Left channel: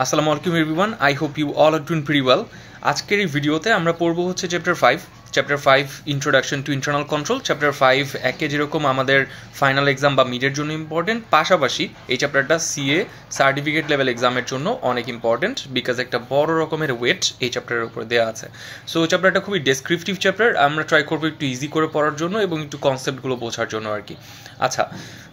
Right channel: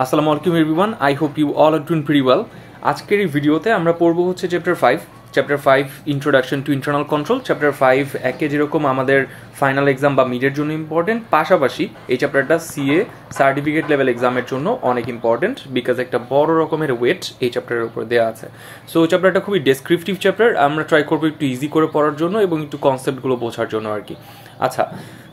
আসসালামু আলাইকুম everyone, I hope you all are doing pretty well. আজকের এই ভিডিওতে আমরা পড়ব হচ্ছে chapter 5 introduction to internal control. Chapter 5 একে যেরকম আমাদের ফাইনাল এক্সাম বা মিডের জন্য ইম্পর্টেন্ট, পাশাপাশি এই চ্যাপ্টারটা সিএ সার্টিফিকেট লেভেল এক্সামের জন্য অনেক ইম্পর্টেন্ট, বিকজ একটা বড় রকমের ওয়েট এই চ্যাপ্টারের উপর দেওয়া আছে। সো চ্যাপ্টারটা খুবই ডেসক্রিপটিভ চ্যাপ্টার, আমরা ট্রাই করবো একটু ইজি করে পড়ার জন্য এবং একটু কনসেপ্টগুলো বোঝার জন্য আর কি। আচ্ছা,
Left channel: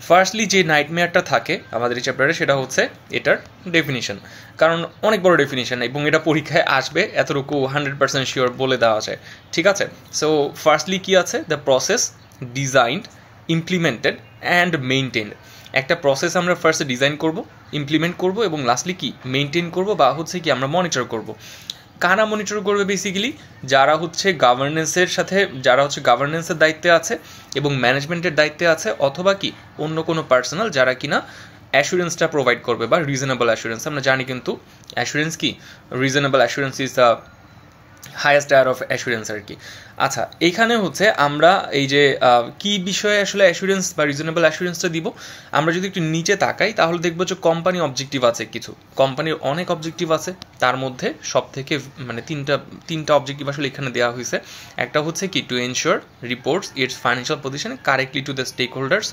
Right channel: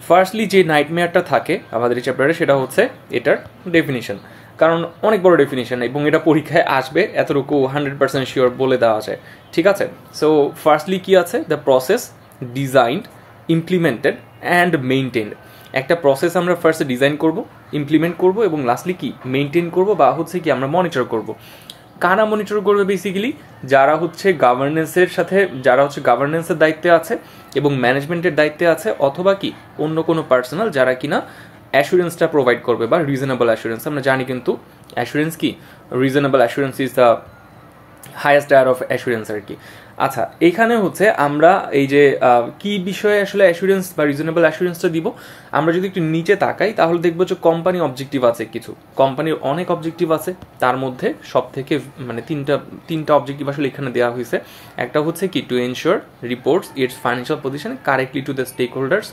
ফার্স্টলি যে নাইটমেয়ারটা থাকে আমাদের এই চ্যাপ্টারে সেটা হচ্ছে এটার ডেফিনিশন, কারণ অনেক বড় ডেফিনিশন এবং এটা পরীক্ষায় আসবে এতটুকু 100% শিওর বলে দেওয়া যায়, ঠিক আছে। সো ফার্স্টলি কি আছে, the process designed, implemented and maintained. একটা প্রসেস আমরা ফার্স্টে ডিজাইন করব, ইমপ্লিমেন্ট করব এবং লাস্টলি কি মেইনটেইন করব বা হচ্ছে কি আমরা মনিটর করব। কারা মনিটর করবে? বেসিক্যালি যারা হচ্ছে গাভার্নেন্সের দায়িত্বে আছে এবং ম্যানেজমেন্টের দায়িত্বে আছে, অথবা কি অন্য কোনো পার্সোনাল যারা কিনা অ্যাসুরেন্সটা প্রোভাইড করবে বা রিজনেবল অ্যাসুরেন্স। আমরা জানি কিন্তু অ্যাসুরেন্স কি, reasonable assurance is the highest tier of assurance আর কি। আচ্ছা, এইখানে হচ্ছে আমরা এই যে কি বিষয়ে আসলে অ্যাসুরেন্স বা রিজনেবল অ্যাসুরেন্সটা দিব, আমরা যদি একটু নিচে তাকাই তাহলে দেখবো যে কোম্পানি অবজেক্টিভ আছে, কিছু কোম্পানির অনেক অবজেক্টিভ আছে, তার মধ্যে সব থেকে মানে তিনটা অবজেক্টিভ আসলে এখানে দেওয়া হয়েছে। একটা হচ্ছে কি, to ensure reports its financial position correctly to the stakeholders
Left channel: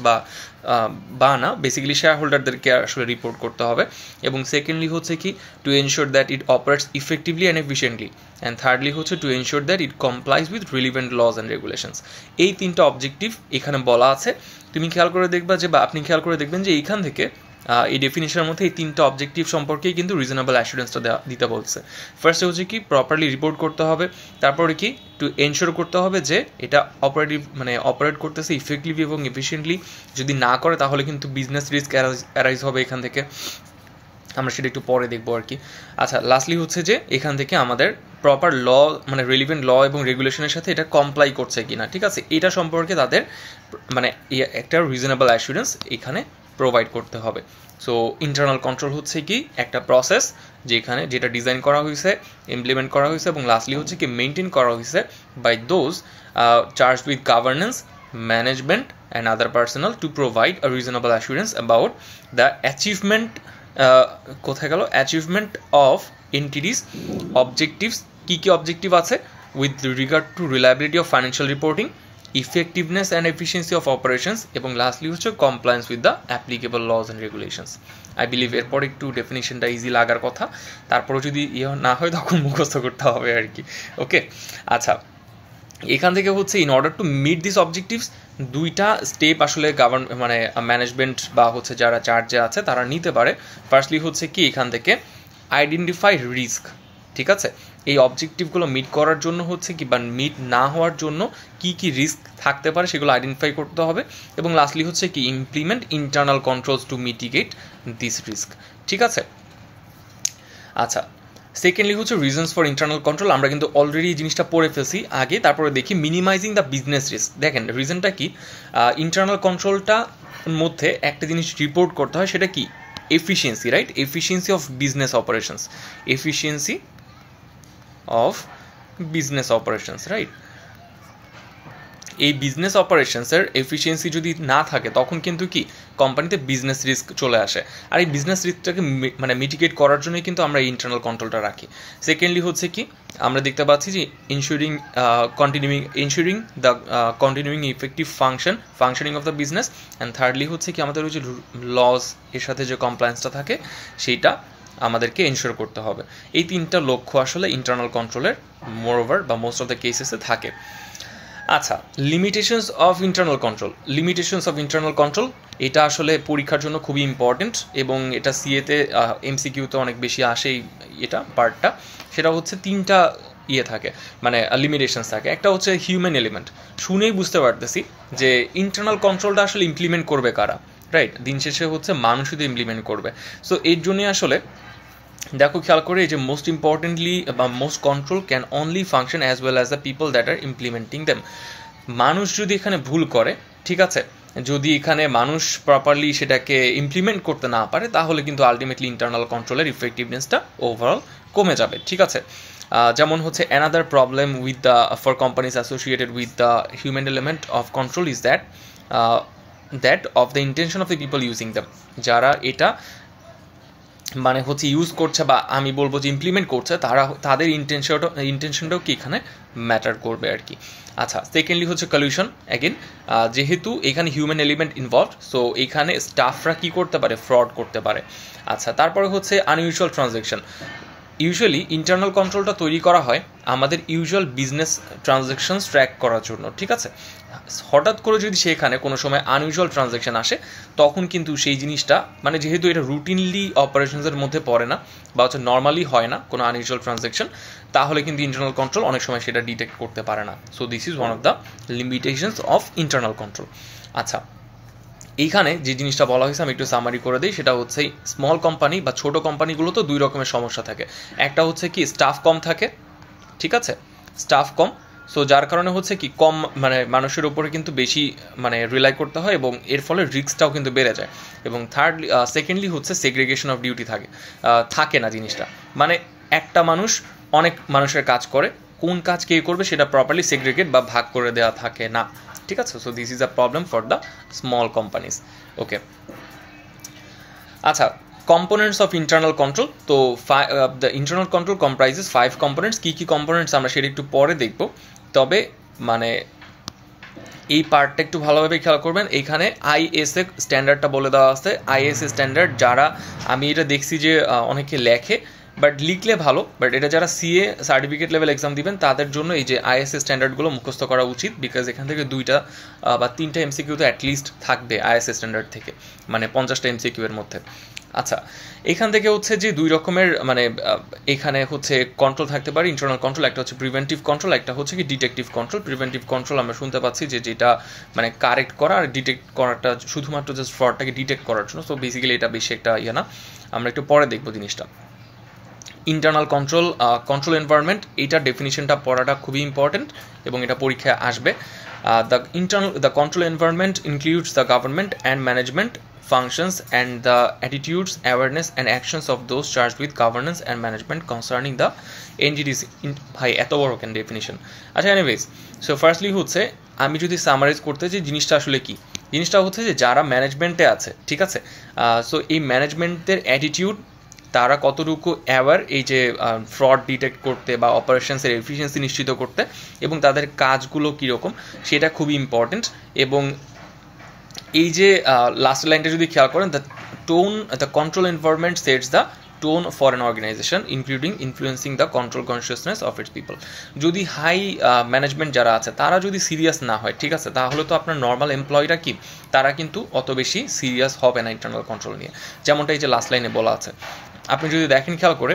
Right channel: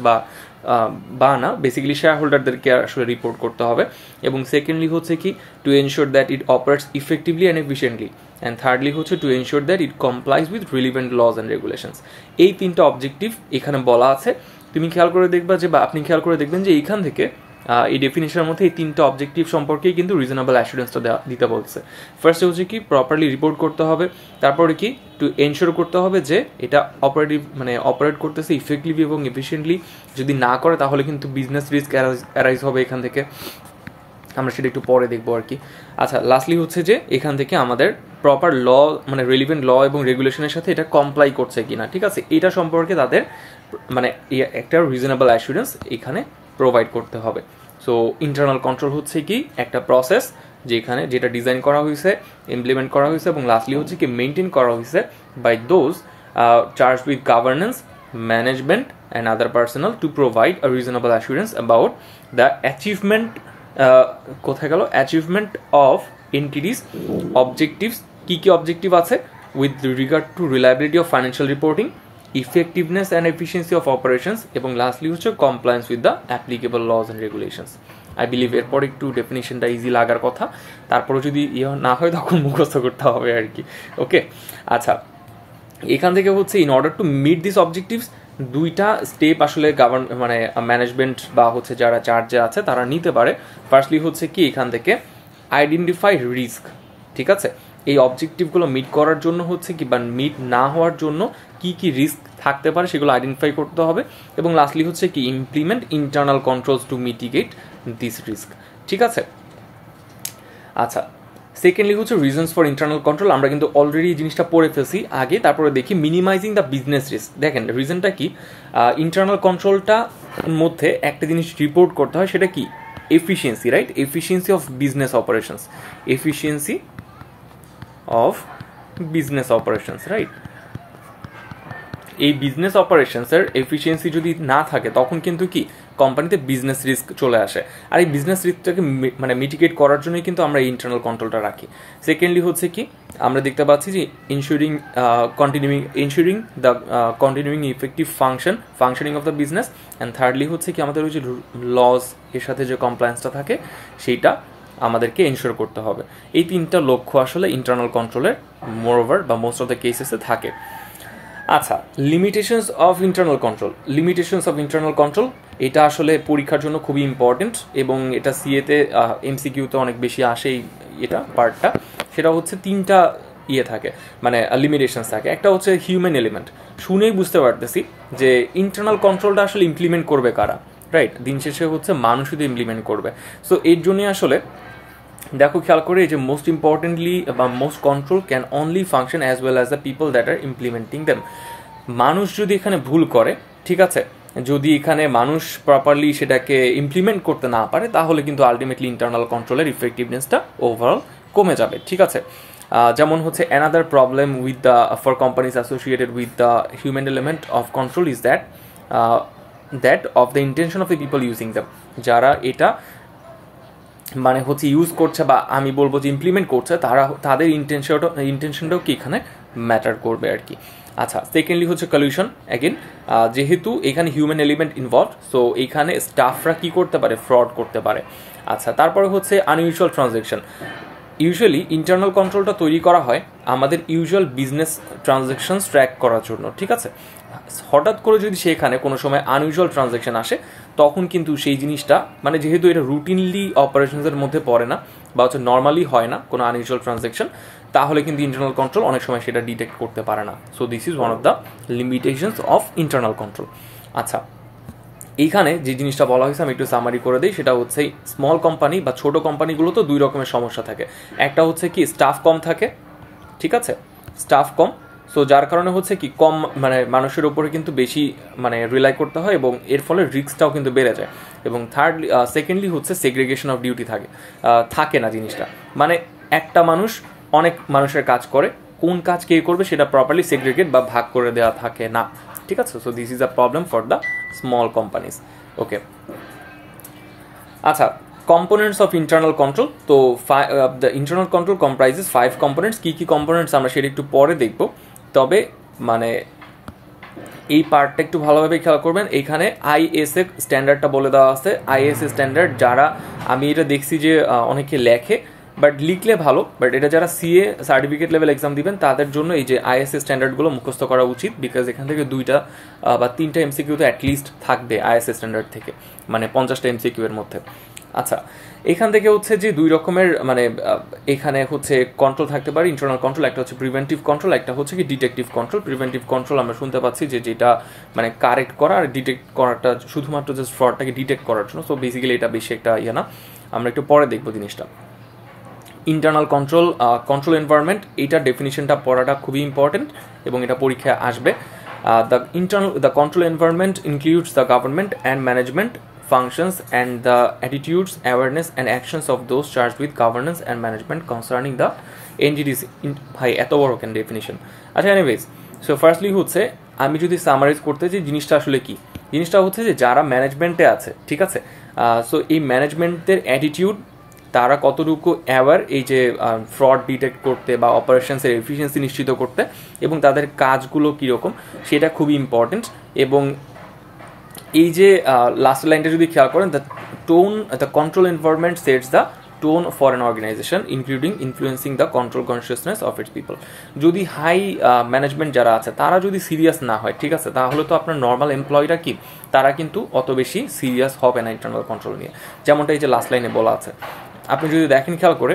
বা না বেসিক্যালি শেয়ার হোল্ডারদেরকে আসলে রিপোর্ট করতে হবে। এবং সেকেন্ডলি হচ্ছে কি, to ensure that it operates effectively and efficiently, and thirdly হচ্ছে to ensure that it complies with relevant laws and regulations. এই তিনটা অবজেক্টিভ এখানে বলা আছে। তুমি খেয়াল করে দেখবা যে, বা আপনি খেয়াল করে দেখবেন যে এইখান থেকে এই ডেফিনিশনের মধ্যে এই তিনটা অবজেক্টিভ সম্পর্কেই কিন্তু রিজনেবল অ্যাসুরেন্সটা দিতে বলছে। ফার্স্টে হচ্ছে কি, প্রপারলি রিপোর্ট করতে হবে, তারপরে কি টু এনশিওর করতে হবে যে এটা অপারেট করতেছে ইফেক্টিভলি এবং এফিশিয়েন্টলি। যদি না করে তাহলে কিন্তু বিজনেস রিস্ক অ্যারাইজ হবে এখান থেকে, আমরা সেটা একটু পরে দেখবো আর কি। আচ্ছা, লাস্টলি হচ্ছে যে এখান থেকে আমাদের প্রপার ল মানে রিলিভেন্ট ল এবং রেগুলেশনের সাথে এটা কমপ্লাই করছে কিনা, ঠিক আছে, এটা সম্পর্কে তাদের একটা রিজনেবল অ্যাসুরেন্স এখানে প্রোভাইড করতে হবে। সো ইন্টারনাল কন্ট্রোল হচ্ছে কি একটা প্রসেস যেটা ডিজাইন করা হয়েছে, ইমপ্লিমেন্ট করা হয়েছে এবং লাস্টলি হচ্ছে কি মেনটেন করা হয়েছে by those charge with governance, management and other personnel to provide a reasonable assurance about the achievement of entity's objectives. কী অবজেক্টিভ আছে? With regard to reliability of financial reporting, effectiveness and efficiency of operations এবং lastly হচ্ছে compliance with the applicable laws and regulations. I believe এরপর একটু ডেফিনেশনটা easy লাগার কথা, তারপরে যদি না হয় তখন মুখস্থ করতে হবে আর কি। ওকে, আচ্ছা, এখান থেকে হচ্ছে in order to meet this objectives দুইটা স্টেপ আসলে ম্যানেজমেন্ট বা হচ্ছে যারা চার্জে আছে তারা নিতে পারে। ফার্স্টলি হচ্ছে কি, এখান থেকে আইডেন্টিফাই রিস্ক, ঠিক আছে। এই অবজেক্টিভগুলো মিট করার জন্য হচ্ছে কি বা মিট না হওয়ার জন্য কি কি রিস্ক থাকতে পারে সেগুলো আইডেন্টিফাই করতে হবে। এবং লাস্টলি হচ্ছে কি, implement internal controls two mitigate this risk, ঠিক আছে। আচ্ছা, সেকেন্ডলি হচ্ছে রিজনস ফর ইন্টারনাল কন্ট্রোল। আমরা কিন্তু অলরেডি এই জিনিসটা পড়ে ফেলছি আগে, তারপরে দেখি মিনিমাইজিং দ্য বিজনেস রিস্ক। দেখেন রিজনটা কি, ইন্টারনাল কন্ট্রোলটা মধ্যে একটা জিনিস রিপোর্ট করতে হয়, সেটা কি efficiency, right, efficiency of business operations, efficiency of business operations, right. এই বিজনেস অপারেশনসের এফিসিয়েন্সি যদি না থাকে তখন কিন্তু কি কোম্পানিতে বিজনেস রিস্ক চলে আসে, আর এই বিজনেস রিস্কটাকে মিটিগেট করার জন্যই কিন্তু আমরা এই ইন্টারনাল কন্ট্রোলটা রাখি। সেকেন্ডলি হচ্ছে কি, আমরা দেখতে পাচ্ছি যে ensuring the continuing effective functioning of the business, and thirdly হচ্ছে কি আমাদের ওই যে লস এর সাথে যে কমপ্লায়েন্সটা থাকে সেইটা আমাদেরকে এনশিওর করতে হবে। এই তিনটা লক্ষ্য আসলে ইন্টারনাল কন্ট্রোলের মোরওভার বা মোস্ট অফ দ্য কেসেসে থাকে। আচ্ছা, লিমিটেশনস অফ ইন্টারনাল কন্ট্রোল এটা আসলে পরীক্ষার জন্য খুবই ইম্পর্টেন্ট এবং এটা সিএতে এমসিকিউতে অনেক বেশি আসে এটা পার্টটা। সেটা হচ্ছে তিনটা থাকে, লিমিটেশনস থাকে। একটা হচ্ছে হিউম্যান এলিমেন্ট, শুনেই বুঝতে পারতেছি যে ইন্টারনাল কন্ট্রোলটা আসলে ইমপ্লিমেন্ট করবে কারা, রাইট, দিন শেষে হচ্ছে মানুষ শুধু ইমপ্লিমেন্ট করবে। সো এর জন্যই আসলে দেখো খেয়াল করে এই যে মোস্ট ইম্পর্টেন্টলি বা most control can only function as well as the people that are implementing them. মানুষ যদি এখানে ভুল করে, ঠিক আছে, যদি এখানে মানুষ প্রপারলি সেটাকে ইমপ্লিমেন্ট করতে না পারে তাহলে কিন্তু আলটিমেটলি ইন্টারনাল কন্ট্রোলের ইফেক্টিভনেসটা ওভারঅল কমে যাবে, ঠিক আছে। যেমন হচ্ছে another problem with the for companies associated with the human element of control is that of the intention of the people using them. যারা এটা মানে হচ্ছে ইউজ করছে বা আমি বলবো যে ইমপ্লিমেন্ট করছে, তাদের ইন্টেনশনটাও কি এখানে ম্যাটার করবে আর কি। আচ্ছা, সেকেন্ডলি হচ্ছে কলিউশন। অ্যাগেন যেহেতু এখানে হিউম্যান এলিমেন্ট ইনভলভ, সো এইখানে স্টাফরা কি করতে পারে, ফ্রড করতে পারে। আচ্ছা, তারপরে হচ্ছে আনইউজুয়াল ট্রানজ্যাকশন। ইউজুয়ালি ইন্টারনাল কন্ট্রোলটা তৈরি করা হয় আমাদের ইউজুয়াল বিজনেস ট্রানজ্যাকশনস ট্র্যাক করার জন্য, ঠিক আছে। হঠাৎ করে যদি সেখানে কোনো সময় আনইউজুয়াল ট্রানজ্যাকশন আসে, তখন কিন্তু সেই জিনিসটা মানে যেহেতু এটা রুটিনলি অপারেশনসের মধ্যে পড়ে না বা হচ্ছে নর্মালি হয় না কোনো আনইউজুয়াল ট্রানজ্যাকশন, তাহলে কিন্তু ইন্টারনাল কন্ট্রোল অনেক সময় সেটা ডিটেক্ট করতে পারে না। So this is one of the limitations of internal control. আচ্ছা, এইখানে যে জিনিসটা বলা হয়েছে আমি একটু সামারি করে দিই, সেটা হচ্ছে স্মল কোম্পানি বা ছোটো কোম্পানিগুলো তো দুই রকমের সমস্যা থাকে। একটা হচ্ছে কি স্টাফ কম থাকে, ঠিক আছে, স্টাফ কম, সো যার কারণে হচ্ছে কি কম মানে মানুষের উপরে কিন্তু বেশি মানে রিলাই করতে হয় এবং এর ফলে রিস্কটাও কিন্তু বেড়ে যায়। এবং সেকেন্ডলি হচ্ছে সেগ্রিগেশন অফ ডিউটি থাকে না জিনিসটা, মানে একটা মানুষ অনেক মানুষের কাজ করে, কোন কাজ কে করবে সেটা প্রপারলি সেগ্রিগেট বা ভাগ করে দেওয়া থাকে না, ঠিক আছে। So this is a problem for the small companies. Okay, আচ্ছা, কম্পোনেন্টস অফ ইন্টারনাল কন্ট্রোল। তো the internal control comprises 5 components. কী কী কম্পোনেন্টস আমরা সেটা একটু পরে দেখব, তবে মানে এই পার্টটা একটু ভালোভাবে খেয়াল করবেন। এইখানে আইএসএ স্ট্যান্ডার্ডটা বলে দেওয়া আছে। আইএসএ স্ট্যান্ডার্ড যারা, আমি এটা দেখছি যে অনেকে লেখে, বাট লিখলে ভালো, বাট এটা যারা সিএ সার্টিফিকেট লেভেল এক্সাম দিবেন তাদের জন্য এই যে আইএসএ স্ট্যান্ডার্ডগুলো মুখস্থ করা উচিত, বিকজ এখান থেকে 2টা বা 3টা এমসিকিউ তো অ্যাটলিস্ট থাকবে আইএসএ স্ট্যান্ডার্ড থেকে, মানে 50টা এমসিকিউ এর মধ্যে। আচ্ছা, এখান থেকে হচ্ছে যে দুই রকমের মানে এখানে হচ্ছে কন্ট্রোল থাকতে পারে ইন্টারনাল কন্ট্রোল, একটা হচ্ছে প্রিভেন্টিভ কন্ট্রোল, একটা হচ্ছে কি ডিটেকটিভ কন্ট্রোল। প্রিভেন্টিভ কন্ট্রোল আমরা শুনতে পাচ্ছি যে যেটা মানে কারেক্ট করা, আর ডিটেক্ট করাটা শুধুমাত্র জাস্ট ফ্রডটাকে ডিটেক্ট করার জন্য। সো বেসিক্যালি এটা বেশি একটা ইয়ে না, আমরা একটু পরে দেখবো জিনিসটা। ইন্টারনাল কন্ট্রোল, কন্ট্রোল এনভায়রনমেন্ট, এইটার ডেফিনিশনটা পড়াটা খুবই ইম্পর্টেন্ট এবং এটা পরীক্ষায় আসবে। The control environment includes the government and management functions and the attitudes, awareness and actions of those charged with governance and management concerning the entities. ভাই এত বড় কেন ডেফিনিশন। আচ্ছা, এনিওয়েজ, সো ফার্স্টলি হচ্ছে আমি যদি সামারাইজ করতে চাই জিনিসটা আসলে কি, জিনিসটা হচ্ছে যে যারা ম্যানেজমেন্টে আছে, ঠিক আছে, সো এই ম্যানেজমেন্টের অ্যাটিটিউড, তারা কতটুকু অ্যাওয়ার এই যে ফ্রড ডিটেক্ট করতে বা অপারেশনসের এফিসিয়েন্সি নিশ্চিত করতে, এবং তাদের কাজগুলো কীরকম সেটা খুবই ইম্পর্টেন্ট। এবং এই যে লাস্ট লাইনটা যদি খেয়াল করেন, the control environment sets the tone for an organization including influencing the control consciousness of its people. যদি হাই ম্যানেজমেন্ট যারা আছে তারা যদি সিরিয়াস না হয়, ঠিক আছে, তাহলে তো আপনার নর্মাল এমপ্লয়িরা কি, তারা কিন্তু অত বেশি সিরিয়াস হবে না ইন্টারনাল কন্ট্রোল নিয়ে, যেমনটা এই যে লাস্ট লাইনে বলা আছে। আপনি যদি দেখেন খেয়াল করে,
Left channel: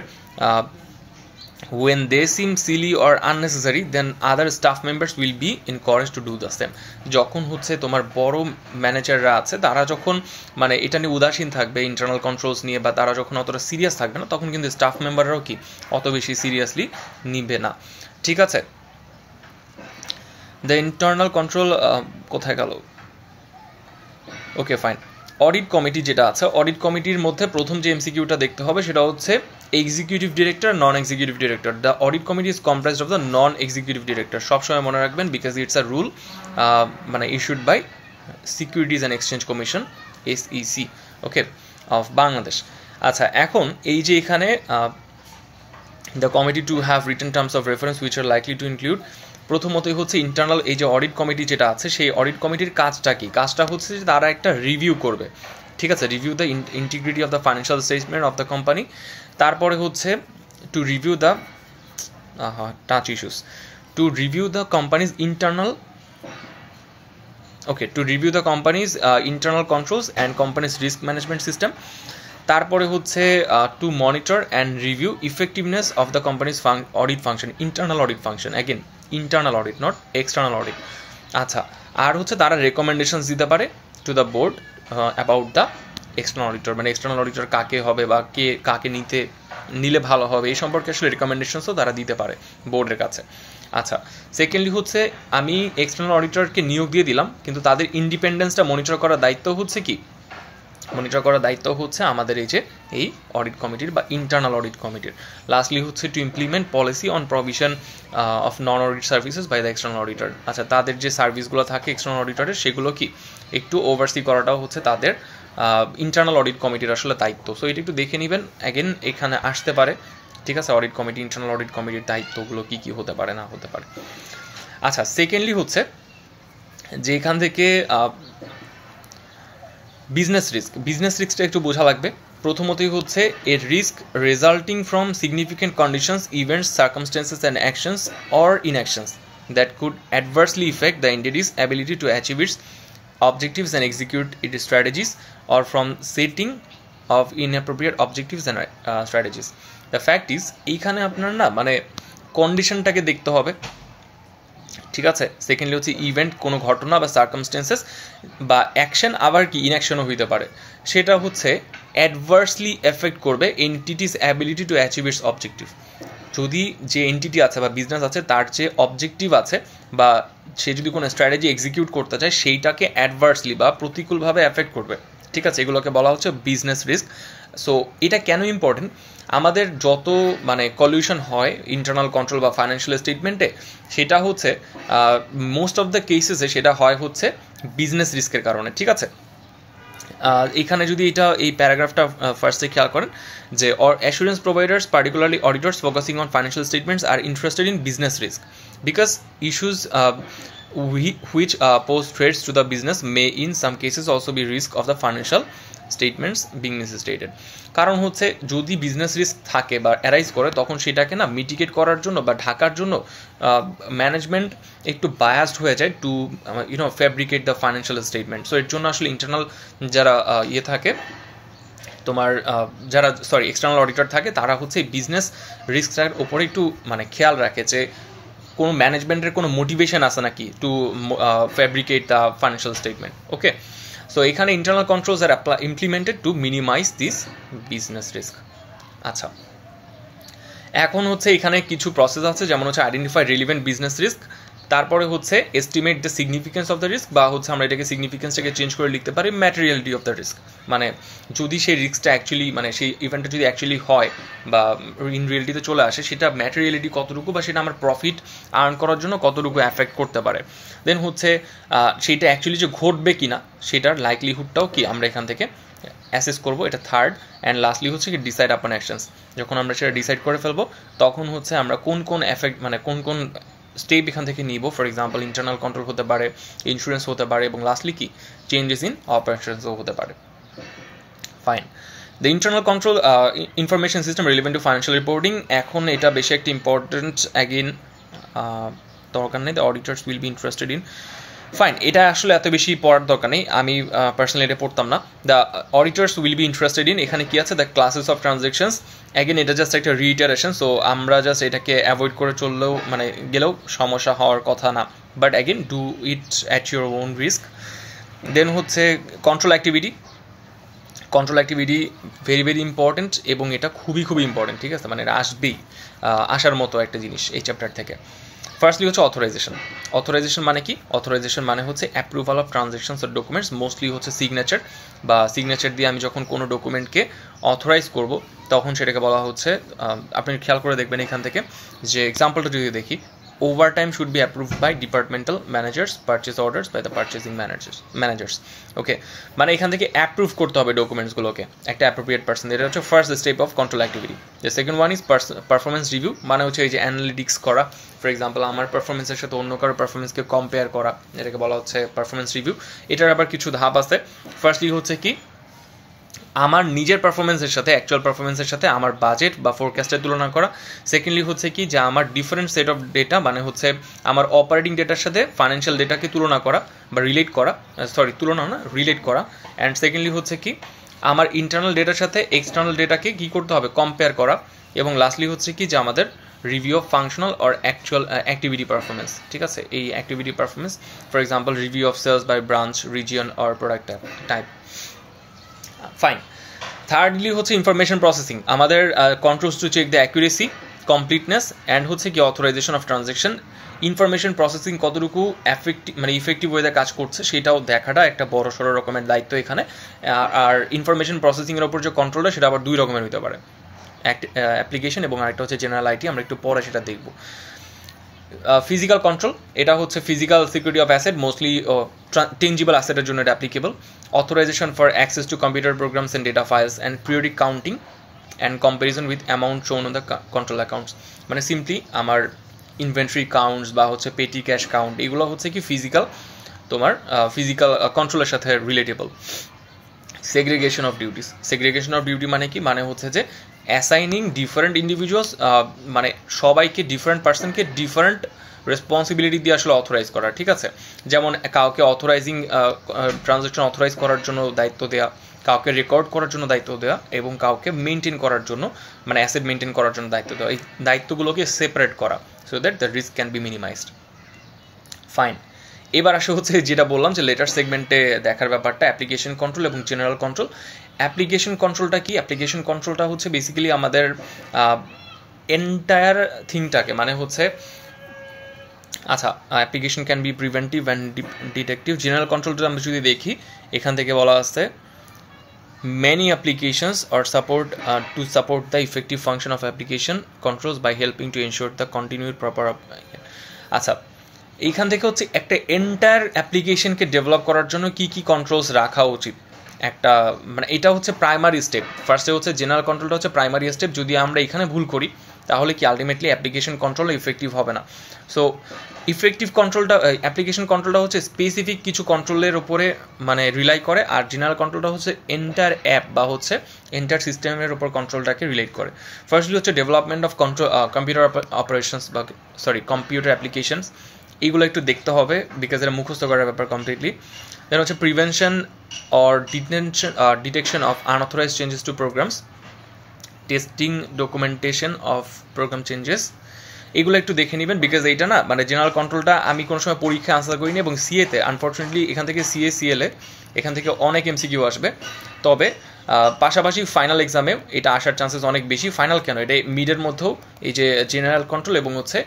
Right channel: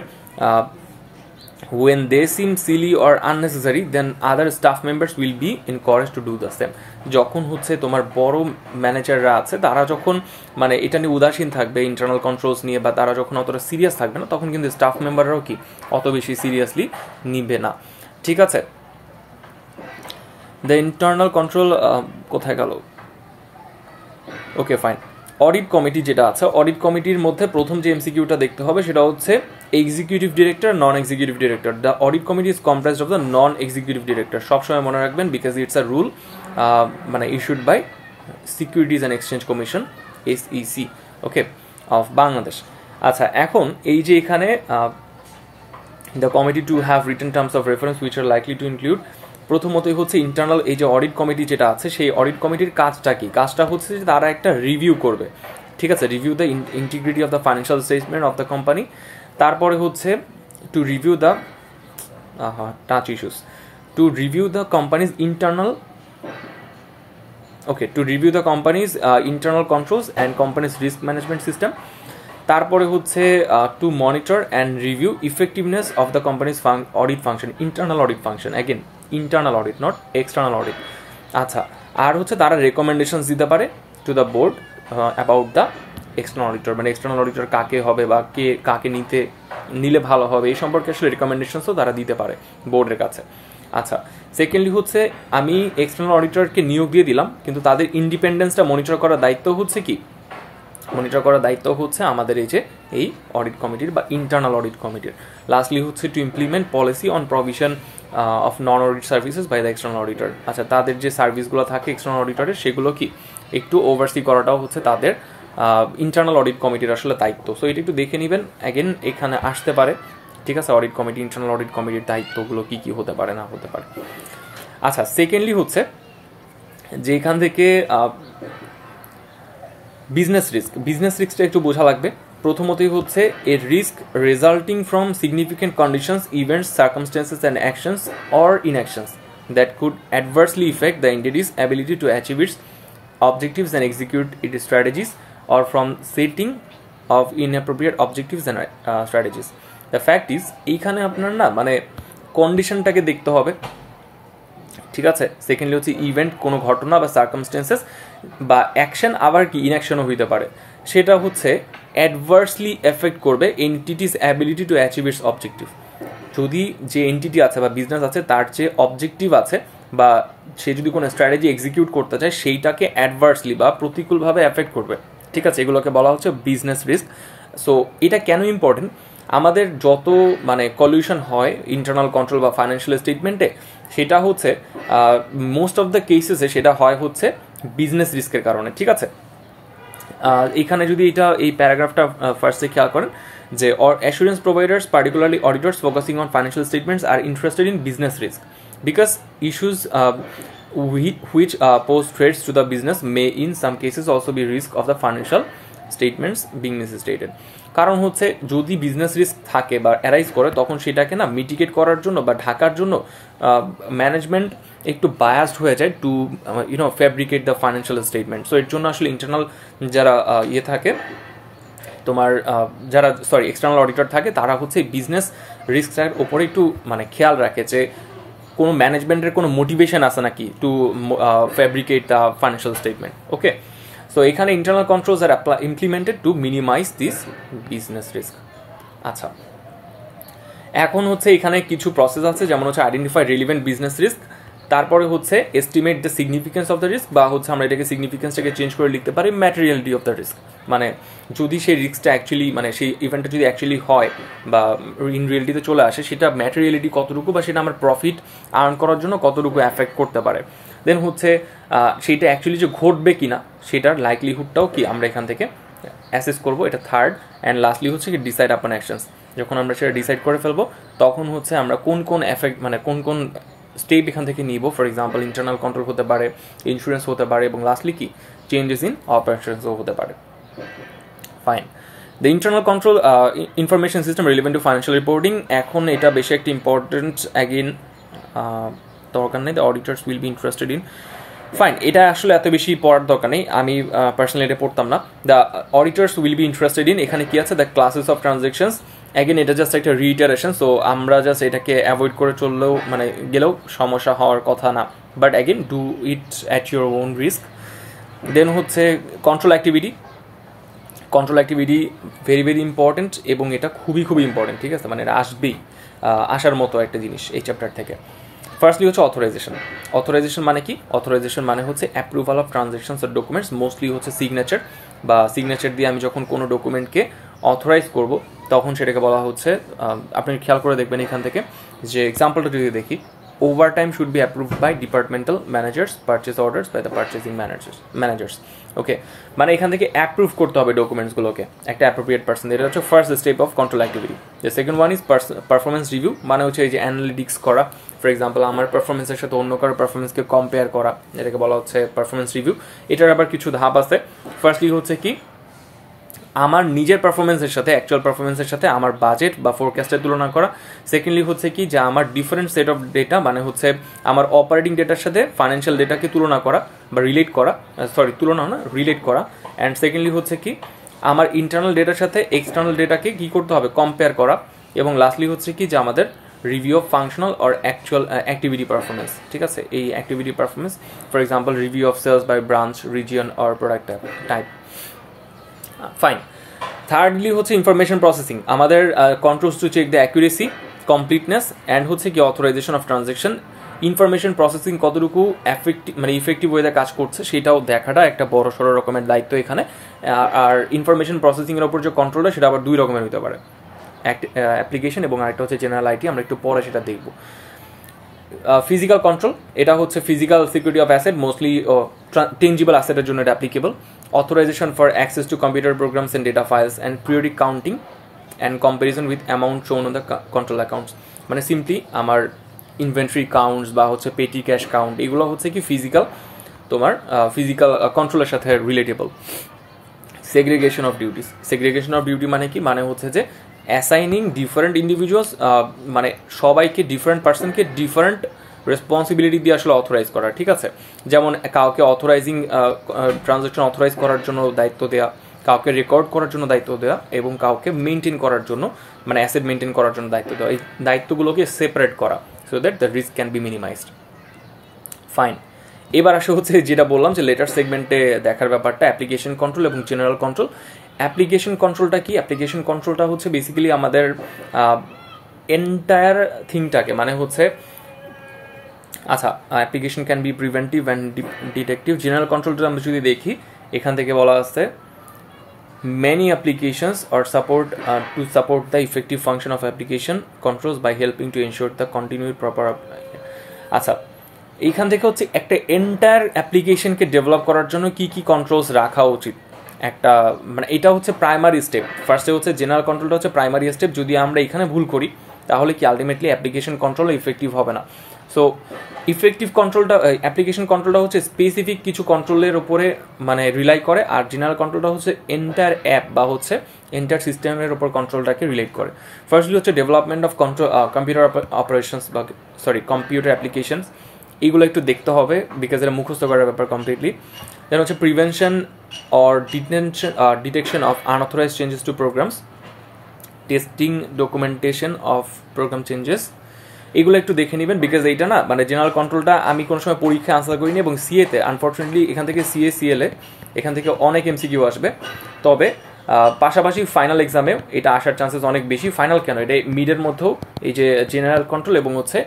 when they seem silly or unnecessary then other staff members will be encouraged to do the same. যখন হচ্ছে তোমার বড় ম্যানেজাররা আছে তারা যখন মানে এটা নিয়ে উদাসীন থাকবে ইন্টারনাল কন্ট্রোলস নিয়ে, বা তারা যখন অতটা সিরিয়াস থাকবে না, তখন কিন্তু স্টাফ মেম্বাররাও কি অত বেশি সিরিয়াসলি নিবে না, ঠিক আছে। দ্য ইন্টারনাল কন্ট্রোল কোথায় গেল, ওকে ফাইন। অডিট কমিটি যেটা আছে, অডিট কমিটির মধ্যে প্রথম যে এমসিকিউটা দেখতে হবে সেটা হচ্ছে executive director, non executive director. The audit committee is comprised of the non executive director. সবসময় মনে রাখবেন, বিকজ ইটস আ রুল মানে issued by securities and exchange commission, SEC, okay, of Bangladesh. আচ্ছা, এখন এই যে এখানে the committee to have written terms of reference which are likely to include, প্রথমতই হচ্ছে ইন্টারনাল এই যে অডিট কমিটি যেটা আছে, সেই অডিট কমিটির কাজটা কি, কাজটা হচ্ছে যে তারা একটা রিভিউ করবে, ঠিক আছে, review the integrity of the financial statement of the company. তারপরে হচ্ছে to review the touch issues, to review the companies internal, okay, to review the companies internal controls and companies risk management system. তারপরে হচ্ছে two monitor and review effectiveness of the companies audit function, internal audit function, again internal audit, not external audit. আচ্ছা, আর হচ্ছে তারা recommendations দিতে পারে to the board about the external auditor, মানে external auditor কাকে হবে বা কাকে নিলে ভালো হবে এই সম্পর্কে আসলে রেকমেন্ডেশনসও তারা দিতে পারে বোর্ডের কাছে। আচ্ছা, সেকেন্ডলি হচ্ছে আমি এক্সটার্নাল অডিটরকে নিয়োগ দিয়ে দিলাম, কিন্তু তাদের ইন্ডিপেন্ডেন্সটা মনিটর করার দায়িত্ব হচ্ছে কি, মনিটর করার দায়িত্ব হচ্ছে আমাদের এই যে এই অডিট কমিটির বা ইন্টারনাল অডিট কমিটির। লাস্টলি হচ্ছে to implement policy on provision of non audit services by the external auditor. আচ্ছা, তাদের যে সার্ভিসগুলো থাকে এক্সটার্নাল অডিটরের সেগুলো কি একটু ওভারসি করাটাও হচ্ছে তাদের ইন্টারনাল অডিট কমিটির আসলে দায়িত্ব। সো এটা একটু দেখে নেবেন, অ্যাগেন এখানে আসতে পারে, ঠিক আছে, অডিট কমিটি, ইন্টারনাল অডিট কমিটির দায়িত্বগুলো কী কী হতে পারে না হতে পারে। আচ্ছা, সেকেন্ডলি হচ্ছে যে এখান থেকে বিজনেস রিস্কটা একটু বোঝা লাগবে। প্রথমতই হচ্ছে a risk resulting from significant conditions, events, circumstances and actions or inactions that could adversely affect the entity's ability to achieve its objectives and execute its strategies, or from setting of inappropriate objectives and strategies. The fact is এইখানে আপনার না মানে কন্ডিশনটাকে দেখতে হবে, ঠিক আছে। Secondly হচ্ছে event, কোনো ঘটনা বা সার্কামস্টেন্সেস বা অ্যাকশন, আবার কি ইনঅ্যাকশনও হইতে পারে, সেটা হচ্ছে অ্যাডভার্সলি এফেক্ট করবে entities ability to achieve it's objective. যদি যে এন্টিটি আছে বা বিজনেস আছে তার যে অবজেক্টিভ আছে বা সে যদি কোনো স্ট্র্যাটেজি এক্সিকিউট করতে চায় সেইটাকে অ্যাডভার্সলি বা প্রতিকূলভাবে এফেক্ট করবে, ঠিক আছে, এগুলোকে বলা হচ্ছে বিজনেস রিস্ক। সো এটা কেন ইম্পর্টেন্ট, আমাদের যত মানে কলিউশন হয় ইন্টারনাল কন্ট্রোল বা ফাইন্যান্সিয়াল স্টেটমেন্টে, সেটা হচ্ছে মোস্ট অফ দ্য কেসেসে সেটা হয় হচ্ছে বিজনেস রিস্কের কারণে, ঠিক আছে। এইখানে যদি এই প্যারাগ্রাফটা ফার্স্টে খেয়াল করেন যে assurance providers particularly auditors focusing on financial statements are interested in business risk because issues which pose threats to the business may in some cases also be risk of the financial statements being misstated. কারণ হচ্ছে যদি business risk থাকে বা arise করে তখন সেটাকে না mitigate করার জন্য বা ঢাকার জন্য ম্যানেজমেন্ট একটু বায়াসড হয়ে যায় to fabricate the financial statement. So এর জন্য আসলে ইন্টারনাল যারা থাকে তোমার যারা এক্সটার্নাল অডিটর থাকে তারা হচ্ছে বিজনেস রিস্কটার ওপরে একটু মানে খেয়াল রাখে যে কোনো ম্যানেজমেন্টের কোনো মোটিভেশন আছে নাকি to fabricate the financial statement. Okay, so এখানে internal controls are implemented to minimise this business risk. আচ্ছা, এখন হচ্ছে এখানে কিছু প্রসেস আছে, যেমন হচ্ছে আইডেন্টিফাই রিলিভেন্ট বিজনেস রিস্ক, তারপরে হচ্ছে estimate the significance of the risk, বা হচ্ছে আমরা এটাকে সিগনিফিকেন্সটাকে চেঞ্জ করে লিখতে পারি ম্যাটেরিয়ালিটি অফ দ্য রিস্ক, মানে যদি সেই রিস্কটা অ্যাকচুয়ালি মানে সেই ইভেন্টটা যদি অ্যাকচুয়ালি হয় বা ইন রিয়েলিটিতে চলে আসে সেটা ম্যাটেরিয়ালিটি কতটুকু বা সেটা আমার প্রফিট আর্ন করার জন্য কতটুকু অ্যাফেক্ট করতে পারে। দেন হচ্ছে সেইটা অ্যাকচুয়ালি যে ঘটবে কি না সেটার লাইকলিহুডটাও কি আমরা এখান থেকে অ্যাসেস করবো, এটা থার্ড। অ্যান্ড লাস্টলি হচ্ছে কি ডিসাইড আপন অ্যাকশনস, যখন আমরা সেটা ডিসাইড করে ফেলবো তখন হচ্ছে আমরা কোন কোন এফেক্ট মানে কোন কোন স্টেপ এখান থেকে নিব। ফর এক্সাম্পল ইন্টারনাল কন্ট্রোল হতে পারে, ইন্স্যুরেন্স হতে পারে, এবং লাস্টলি কি চেঞ্জেস ইন অপারেশনসও হতে পারে। Fine, the internal control information system relevant two financial reporting, এখন এটা বেশি একটা ইম্পর্টেন্ট অ্যাগেন দরকার নেই, the auditors will be interested in. Fine, এটা আসলে এত বেশি পড়ার দরকার নেই, আমি পার্সোনালি এটা পড়তাম না। The auditors will be interested in, এখানে কি আছে, the classes of transactions, again এটা জাস্ট একটা রিইটারেশন, সো আমরা জাস্ট এটাকে অ্যাভয়েড করে চললেও মানে গেলেও সমস্যা হওয়ার কথা না, but again do it at your own risk. Then হচ্ছে control activity very very important, এবং এটা খুবই খুবই ইম্পর্টেন্ট, ঠিক আছে, মানে এটা আসার মতো একটা জিনিস এই চ্যাপ্টার থেকে। ফার্স্টলি হচ্ছে অথরাইজেশন মানে কি, অথরাইজেশন মানে হচ্ছে approval of transactions or documents, mostly হচ্ছে সিগনেচার দিয়ে আমি যখন কোনো ডকুমেন্টকে অথরাইজ করব তখন সেটাকে বলা হচ্ছে, আপনি খেয়াল করে দেখবেন এখান থেকে যে এক্সাম্পলটা যদি দেখি, overtime should be approved by departmental managers, purchase orders by the purchasing managers. Okay, মানে এখান থেকে অ্যাপ্রুভ করতে হবে ডকুমেন্টসগুলোকে একটা অ্যাপ্রোপ্রিয়েট পার্সন, এটা হচ্ছে first step of control activity. The second one is performance review, মানে হচ্ছে এই যে অ্যানালিটিক্স করা, ফর এক্সাম্পল আমার পারফরমেন্সের সাথে অন্য কারো পারফরমেন্সকে কম্পেয়ার করা, এটাকে বলা হচ্ছে পারফরমেন্স রিভিউ। এটার আবার কিছু ধাপ আছে। ফার্স্টলি হচ্ছে কি আমার নিজের পারফরমেন্সের সাথে অ্যাকচুয়াল পারফরমেন্সের সাথে আমার বাজেট বা ফোরকাস্টের তুলনা করা। সেকেন্ডলি হচ্ছে কি যে আমার ডিফারেন্ট সেট অফ ডেটা, মানে হচ্ছে আমার অপারেটিং ডেটার সাথে ফাইন্যান্সিয়াল ডেটাকে তুলনা করা বা রিলেট করা। অ্যান্ড সেকেন্ডলি হচ্ছে কি আমার ইন্টারনাল ডেটার সাথে এক্সটার্নাল ডেটাকে কী করতে হবে, কম্পেয়ার করা। এবং লাস্টলি হচ্ছে কি যে আমাদের review of functional or actual activity performance, ঠিক আছে, এই activity performance, for example review of sales by branch, region or product type. Fine, thirdly হচ্ছে ইনফরমেশন প্রসেসিং, আমাদের controls to check the accuracy, completeness and হচ্ছে কি authorization of transaction. Information processing কতটুকু effective ওয়েতে কাজ করছে সেটাও দেখাটা একটা বড় সড়ো রকমের দায়িত্ব এখানে। আর ইনফরমেশন প্রসেসিংয়ের ওপর যে কন্ট্রোলটা সেটা আবার দুই রকমের হতে পারে, অ্যাপ্লিকেশন এবং আরেকটা হচ্ছে জেনারেল আইটি, আমরা একটু পরে সেটা দেখব। ফিজিক্যাল কন্ট্রোল, এটা হচ্ছে physical security of asset, mostly tangible অ্যাসেটের জন্য এটা applicable. Authorization for access to computer programs and data files and periodic counting and comparison with amount shown on the control accounts. মানে সিম্পলি আমার inventory counts বা হচ্ছে পেটি cash count, এগুলো হচ্ছে কি ফিজিক্যাল, তোমার ফিজিক্যাল কন্ট্রোলের সাথে relatable. Segregation of duties, segregation of duty মানে কি, মানে হচ্ছে যে অ্যাসাইনিং ডিফারেন্ট ইন্ডিভিজুয়ালস, মানে সবাইকে ডিফারেন্ট পার্সনকে ডিফারেন্ট রেসপন্সিবিলিটি দিয়ে আসলে অথরাইজ করা, ঠিক আছে। যেমন কাউকে অথরাইজিং ট্রানজ্যাকশন অথরাইজ করার জন্য দায়িত্ব দেওয়া, কাউকে রেকর্ড করার জন্য দায়িত্ব দেওয়া, এবং কাউকে মেনটেন করার জন্য, মানে অ্যাসেট মেনটেন করার জন্য দায়িত্ব দেওয়া। এই দায়িত্বগুলোকে সেপারেট করা so that the risk can be minimised. Fine, এবার আসে হচ্ছে যেটা বললাম যে লেটার সেগমেন্টে দেখার ব্যাপারটা, অ্যাপ্লিকেশন কন্ট্রোল এবং জেনারেল কন্ট্রোল। অ্যাপ্লিকেশন কন্ট্রোলটা কি? অ্যাপ্লিকেশন কন্ট্রোলটা হচ্ছে বেসিক্যালি আমাদের এন্টায়ার থিংটাকে, মানে হচ্ছে আচ্ছা, application can be preventive and detective. General কন্ট্রোলটা আমরা যদি দেখি, এখান থেকে বলা আছে many applications are support to support the effective function of application controls by helping to ensure the continued proper আচ্ছা, এইখান থেকে হচ্ছে একটা এন্টায়ার অ্যাপ্লিকেশনকে ডেভেলপ করার জন্য কি কি কন্ট্রোলস রাখা উচিত, একটা মানে এটা হচ্ছে প্রাইমারি স্টেপ। ফার্স্টে হচ্ছে জেনারেল কন্ট্রোলটা হচ্ছে প্রাইমারি স্টেপ। যদি আমরা এখানে ভুল করি তাহলে কি আলটিমেটলি অ্যাপ্লিকেশন কন্ট্রোল ইফেক্টিভ হবে না। সো ইফেক্টিভ কন্ট্রোলটা, অ্যাপ্লিকেশন কন্ট্রোলটা হচ্ছে স্পেসিফিক কিছু কন্ট্রোলের উপরে মানে রিলাই করে, আর জেনারেল কন্ট্রোলটা হচ্ছে এন্টায়ার অ্যাপ বা হচ্ছে এন্টায়ার সিস্টেমের উপর কন্ট্রোলটাকে রিলেট করে। ফার্স্টলি হচ্ছে ডেভেলপমেন্ট অফ কম্পিউটার অপারেশনস বা কম্পিউটার অ্যাপ্লিকেশনস, এইগুলো একটু দেখতে হবে বিকজ এটা মুখস্থ করার ব্যাপার কমপ্লিটলি। দেন হচ্ছে prevention or detection of unauthorized changes to programs, testing documentation of program changes, এগুলো একটু দেখে নেবেন বিকজ এইটা না মানে জেনারেল কন্ট্রোলটা আমি কোনো সময় পরীক্ষা আনসার করিনি, এবং সিএতে আনফর্চুনেটলি এখান থেকে সিএসিএলে এখান থেকে অনেক এমসিকিউ আসবে, তবে পাশাপাশি ফাইনাল এক্সামেও এটা আসার চান্সেস অনেক বেশি। ফাইনাল কেন, এটা মিডের মধ্যেও এই যে জেনারেল কন্ট্রোল এবং হচ্ছে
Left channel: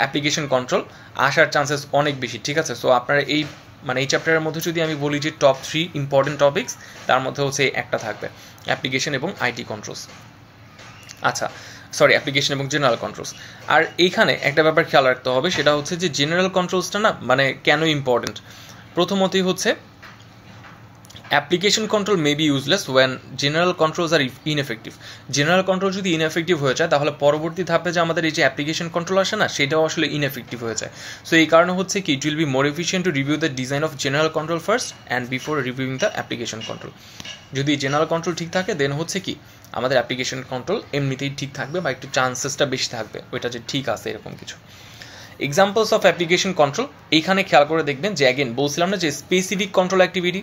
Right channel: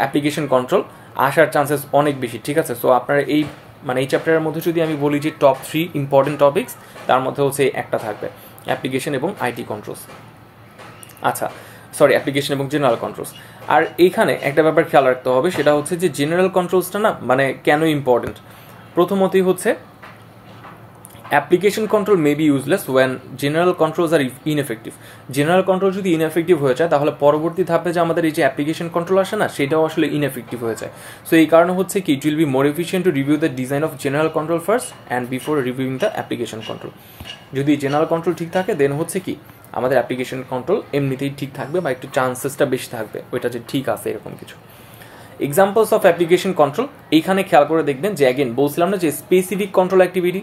অ্যাপ্লিকেশন কন্ট্রোল আসার চান্সেস অনেক বেশি, ঠিক আছে। সো আপনারা এই মানে এই চ্যাপ্টারের মধ্যে যদি আমি বলি যে টপ 3 ইম্পর্টেন্ট টপিকস, তার মধ্যে হচ্ছে একটা থাকবে অ্যাপ্লিকেশন এবং আইটি কন্ট্রোলস। আচ্ছা সরি, অ্যাপ্লিকেশন এবং জেনারেল কন্ট্রোলস। আর এইখানে একটা ব্যাপার খেয়াল রাখতে হবে, সেটা হচ্ছে যে জেনারেল কন্ট্রোলসটা না মানে কেন ইম্পর্টেন্ট। প্রথমতই হচ্ছে application control may be useless when general controls are ineffective. General control যদি ইনএফেক্টিভ হয়ে যায় তাহলে পরবর্তী ধাপে যে আমাদের এই যে অ্যাপ্লিকেশন কন্ট্রোল আসে না, সেটাও আসলে ইনএফেক্টিভ হয়ে যায়। সো এই কারণে হচ্ছে কি it will be more efficient to review the design of general control first and before reviewing the application control. যদি জেনারেল কন্ট্রোল ঠিক থাকে দেন হচ্ছে কি আমাদের অ্যাপ্লিকেশন কন্ট্রোল এমনিতেই ঠিক থাকবে বা একটু চান্সেসটা বেশি থাকবে ওইটা যে ঠিক আছে এরকম কিছু। এক্সাম্পলস অফ অ্যাপ্লিকেশন কন্ট্রোল, এইখানে খেয়াল করে দেখবেন যে অ্যাগেন বলছিলাম না যে স্পেসিফিক কন্ট্রোল অ্যাক্টিভিটি,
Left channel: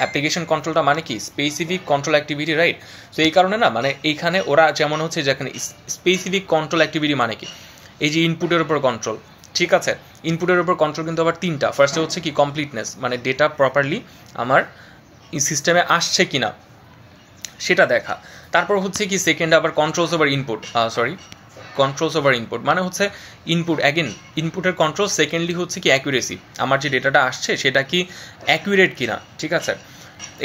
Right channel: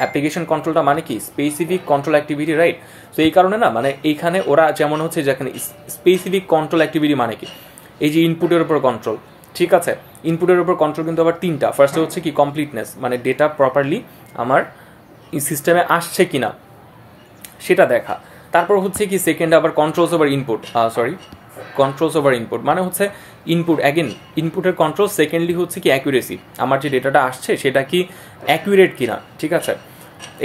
অ্যাপ্লিকেশন কন্ট্রোলটা মানে কি specific control activity, right. So এই কারণে না মানে এইখানে ওরা যেমন হচ্ছে যেখানে স্পেসিফিক কন্ট্রোল অ্যাক্টিভিটি মানে কি এই যে ইনপুটের উপর কন্ট্রোল, ঠিক আছে। ইনপুটের উপর কন্ট্রোল কিন্তু আবার তিনটা। ফার্স্টে হচ্ছে কি কমপ্লিটনেস, মানে ডেটা প্রপারলি আমার সিস্টেমে আসছে কিনা সেটা দেখা। তারপর হচ্ছে কি সেকেন্ড আবার controls over input, controls over input মানে হচ্ছে ইনপুট, অ্যাগেন ইনপুটের কন্ট্রোল। সেকেন্ডলি হচ্ছে কি অ্যাকুরেসি, আমার যে ডেটাটা আসছে সেটা কি অ্যাকুরেট কিনা, ঠিক আছে।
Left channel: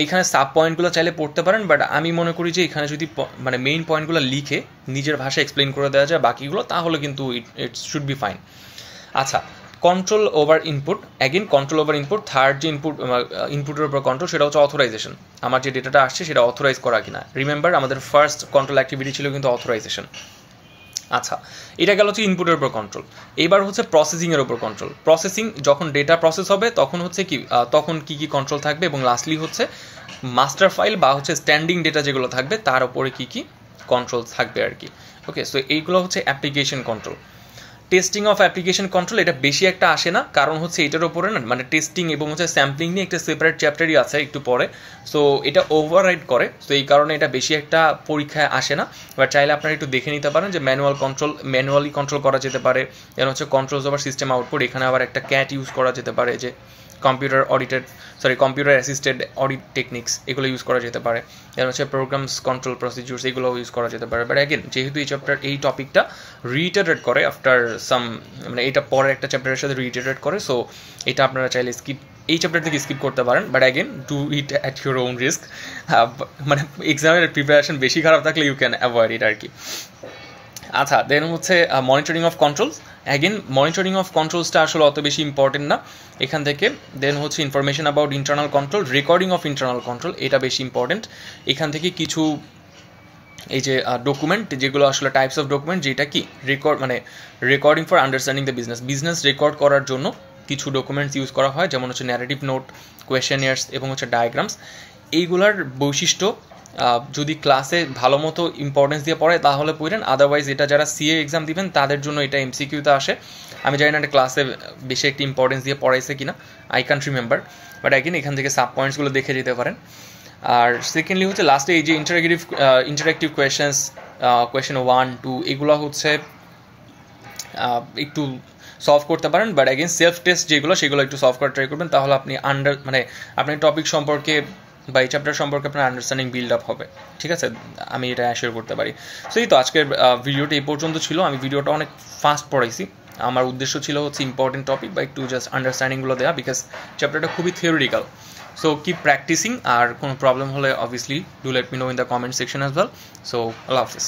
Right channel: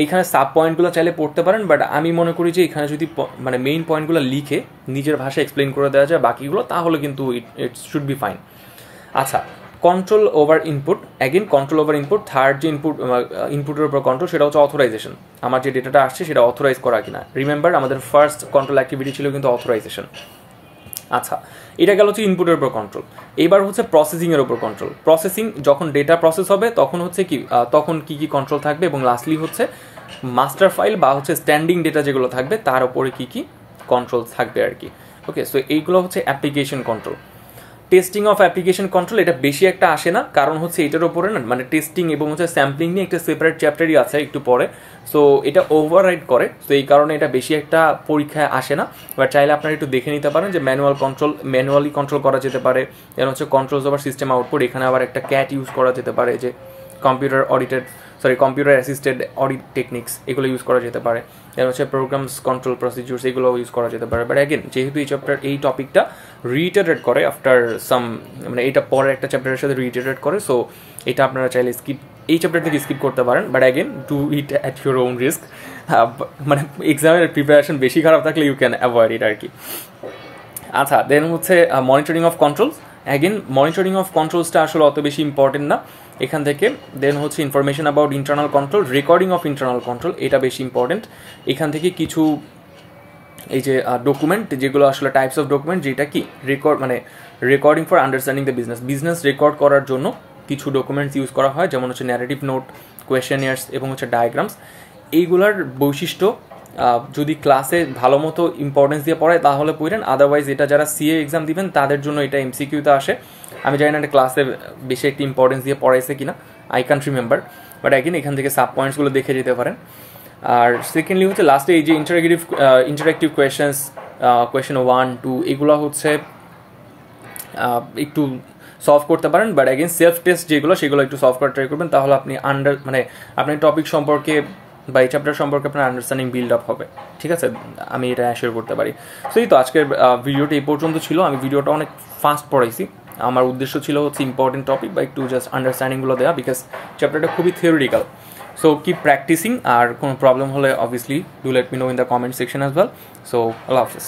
এইখানে সাব পয়েন্টগুলো চাইলে পড়তে পারেন, বাট আমি মনে করি যে এখানে যদি মানে মেইন পয়েন্টগুলো লিখে নিজের ভাষায় এক্সপ্লেন করে দেওয়া যায় বাকিগুলো, তাহলে কিন্তু ইট শুড বি ফাইন। আচ্ছা, control over input, again control over input. Third যে ইনপুটের উপর কন্ট্রোল সেটা হচ্ছে অথরাইজেশন, আমার যে ডেটাটা আসছে সেটা অথরাইজ করা কিনা। রিমেম্বার আমাদের ফার্স্ট কন্ট্রোল অ্যাক্টিভিটি ছিল কিন্তু অথরাইজেশন। আচ্ছা, এটা গেল হচ্ছে ইনপুটের উপর কন্ট্রোল। এইবার হচ্ছে প্রসেসিংয়ের উপর কন্ট্রোল। প্রসেসিং যখন ডেটা প্রসেস হবে তখন হচ্ছে কি তখন কি কি কন্ট্রোল থাকবে, এবং লাস্টলি হচ্ছে মাস্টার ফাইল বা হচ্ছে স্ট্যান্ডিং ডেটা যেগুলো থাকবে তার উপরে কি কি কন্ট্রোল থাকবে আর কি। ওকে, সো এইগুলো হচ্ছে application control. Testing of application control এটা বেশি একটা আসে না, কারণ হচ্ছে এটার ওপরে না মানে টেস্টিং এবং হচ্ছে স্যাম্পলিং নিয়ে একটা সেপারেট চ্যাপ্টারই আছে একটু পরে। সো এটা ওভাররাইড করে, সো এই কারণে এটা বেশি একটা পরীক্ষায় আসে না। এবার চাইলে আপনারা একটু দেখে নিতে পারেন যে ম্যানুয়ালি কন্ট্রোল করা যেতে পারে। যেন হচ্ছে কন্ট্রোলস ওভার সিস্টেম আউটপুট, এখানে আবার একটা ক্যাট ইউজ করা যেতে পারে, যে কম্পিউটার অ্যাসিস্টেড অডিট টেকনিক্স, এগুলো ইউজ করা যেতে পারে। দেন হচ্ছে প্রোগ্রামস কন্ট্রোল প্রসিডিউরস, এগুলো ইউজ করা যেতে পারে। বাট অ্যাগেন যেহেতু এই চ্যাপ্টার এই টপিকটা রিইটারেট করে আফটার সাম, মানে এটা পরের একটা চ্যাপ্টারের সাথে রিইটারেট করে, সো এটা আপনারা চাইলে এই চ্যাপ্টার থেকে স্কিপ করতে পারেন। But again do it at your own risk, মানে এক্সামের প্রিপারেশন বেশি খারাপ থাকলে ইউ ক্যান অ্যাভয়েড ইট আর কি। আচ্ছা, দেন হচ্ছে monitoring of controls. Again monitoring of কন্ট্রোলসটা আসলে অত বেশি ইম্পর্টেন্ট না এখান থেকে। দেন হচ্ছে information about internal control, recording of internal control, এটা বেশি ইম্পর্টেন্ট। এখান থেকে কিছু এই যে ডকুমেন্ট যেগুলো আসলে টাইপস অফ ডকুমেন্ট, যেটা কি recording for understanding the business record করার জন্য কিছু ডকুমেন্টস ইউজ করা হয়, যেমন হচ্ছে ন্যারেটিভ নোট, কোয়েশ্চেনিয়ার্স এবং হচ্ছে ডায়াগ্রামস। এইগুলার বৈশিষ্ট্য যদি ক্লাসে ভালো মতো ইম্পর্টেন্স দিয়ে পড়ায় তাহলে পড়েন, আদারওয়াইজ এটা যারা সিএ এক্সাম দিবেন তাদের জন্য এটা এমসিকিউতে আসে। আমি জানি না এটা ক্লাসে বেশি একটি ইম্পর্টেন্স দিয়ে পড়াইছে কিনা, I can't remember, but again এখান থেকে সাব পয়েন্টসগুলো দেখে যেতে পারেন। আর সেকেন্ডলি হচ্ছে লাস্টে এই যে ইন্টারেক্টিভ কোয়েশ্চেন 1, 2 এগুলো হচ্ছে একটু সলভ করতে পারেন, বাট অ্যাগেন সেলফ টেস্ট যেগুলো সেগুলো একটু সলভ করার ট্রাই করবেন, তাহলে আপনি আপনি টপিক সম্পর্কে বা এই চ্যাপ্টার সম্পর্কে আপনার আন্ডারস্ট্যান্ডিং বিল্ড আপ হবে। ঠিক আছে, আমি এটা অ্যাসিওর করতে পারি। সো এই তো আজকের ভিডিওটা এই পর্যন্ত ছিল। আমি ভিডিওটা অনেক ফাস্ট পড়াইছি, আমার উদ্দেশ্য ছিল হচ্ছে ইম্পর্টেন্ট টপিক বা একটু জাস্ট আন্ডারস্ট্যান্ডিংগুলো দেওয়া, বিকজ চ্যাপ্টারটা খুবই থিওরিটিক্যাল। সো কিপ প্র্যাকটিসিং, আর কোনো প্রবলেম হলে obviously do let me no in the comment section as well. So Allah Hafiz.